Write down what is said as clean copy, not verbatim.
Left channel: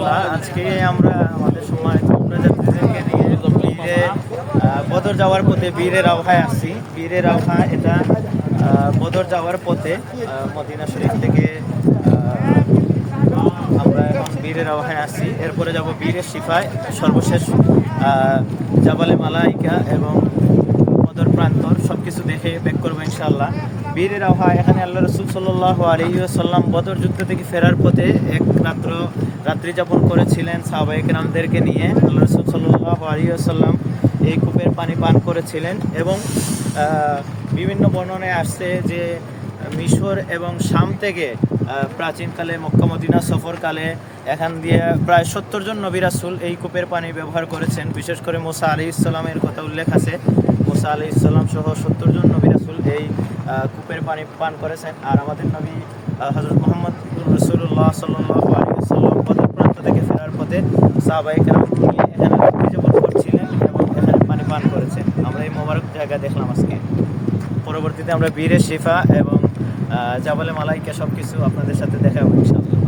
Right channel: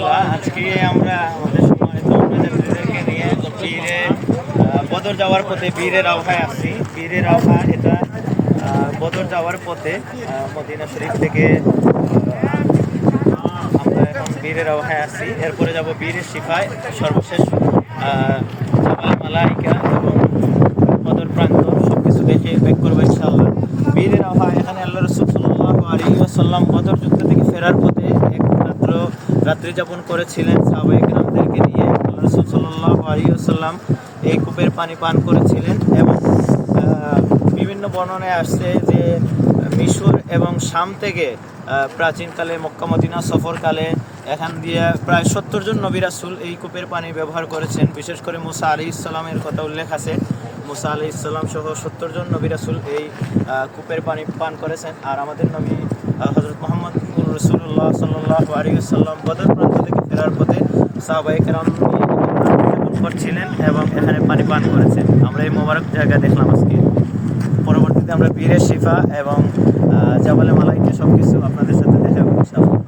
আলহামদুলিল্লাহ, আজকে আমরা আমাদের সম্মানিত যাত্রীদেরকে নিয়ে বীরে বদর যাওয়ার পথে বীরের আওহায় আসছি। বীরের আওহা এটা বদর যাওয়ার পথে মদিনা শরীফ থেকে আমরা এখন বীরের আওহায় আসছি। এরপরে যাব বীরের শিফায়, সর্বশেষ জাবালে মালাইকা এবং বদর প্রান্তর সব কিছু দেখে ব্যাক করবো ইনশাআল্লাহ। বীরের আবহাওয়া এখানে আল্লাহ রসুল সাল্লাল্লাহু আলাইহি ওয়াসাল্লাম বদর যুদ্ধ থেকে ফেরার পথে এক রাত্রি যাপন করেছিলেন সাহাবায়ে কেরামদেরকে নিয়ে। আল্লাহ রসুল সাল্লাল্লাহু আলাইহি ওয়াসাল্লাম এই কূপের পানি পান করেছিলেন এবং বিভিন্ন বর্ণনায় আসছে যে মিশর এবং শাম থেকে প্রাচীনকালে মক্কা মদিনা সফরকালে এখান দিয়ে প্রায় 70 জন নবী রাসূল এই কূপের পানি ব্যবহার করেছেন। বিশেষ করে মুসা আলাইহিস সালামের কথা উল্লেখ আছে। মুসা আলাইহিস সালাম সহ 70 জন নবী রাসূল এই কূপের পানি পান করেছেন। আর আমাদের নবী হযরত মুহাম্মদ রাসূলুল্লাহ সাল্লাল্লাহু আলাইহি ওয়াসাল্লাম বদর প্রান্ত থেকে ফেরার পথে সাহাবায়ে কেরাম করছিলেন এবং এখানে পানি পান করেছেন। আমরা এই মোবারক জায়গা দেখলাম আজকে। পরবর্তীতে আমরা বীরের শিফা এবং জাবালে মালাইকা সব কিছু আপনাদের সাথে দেখাবো ইনশাআল্লাহ।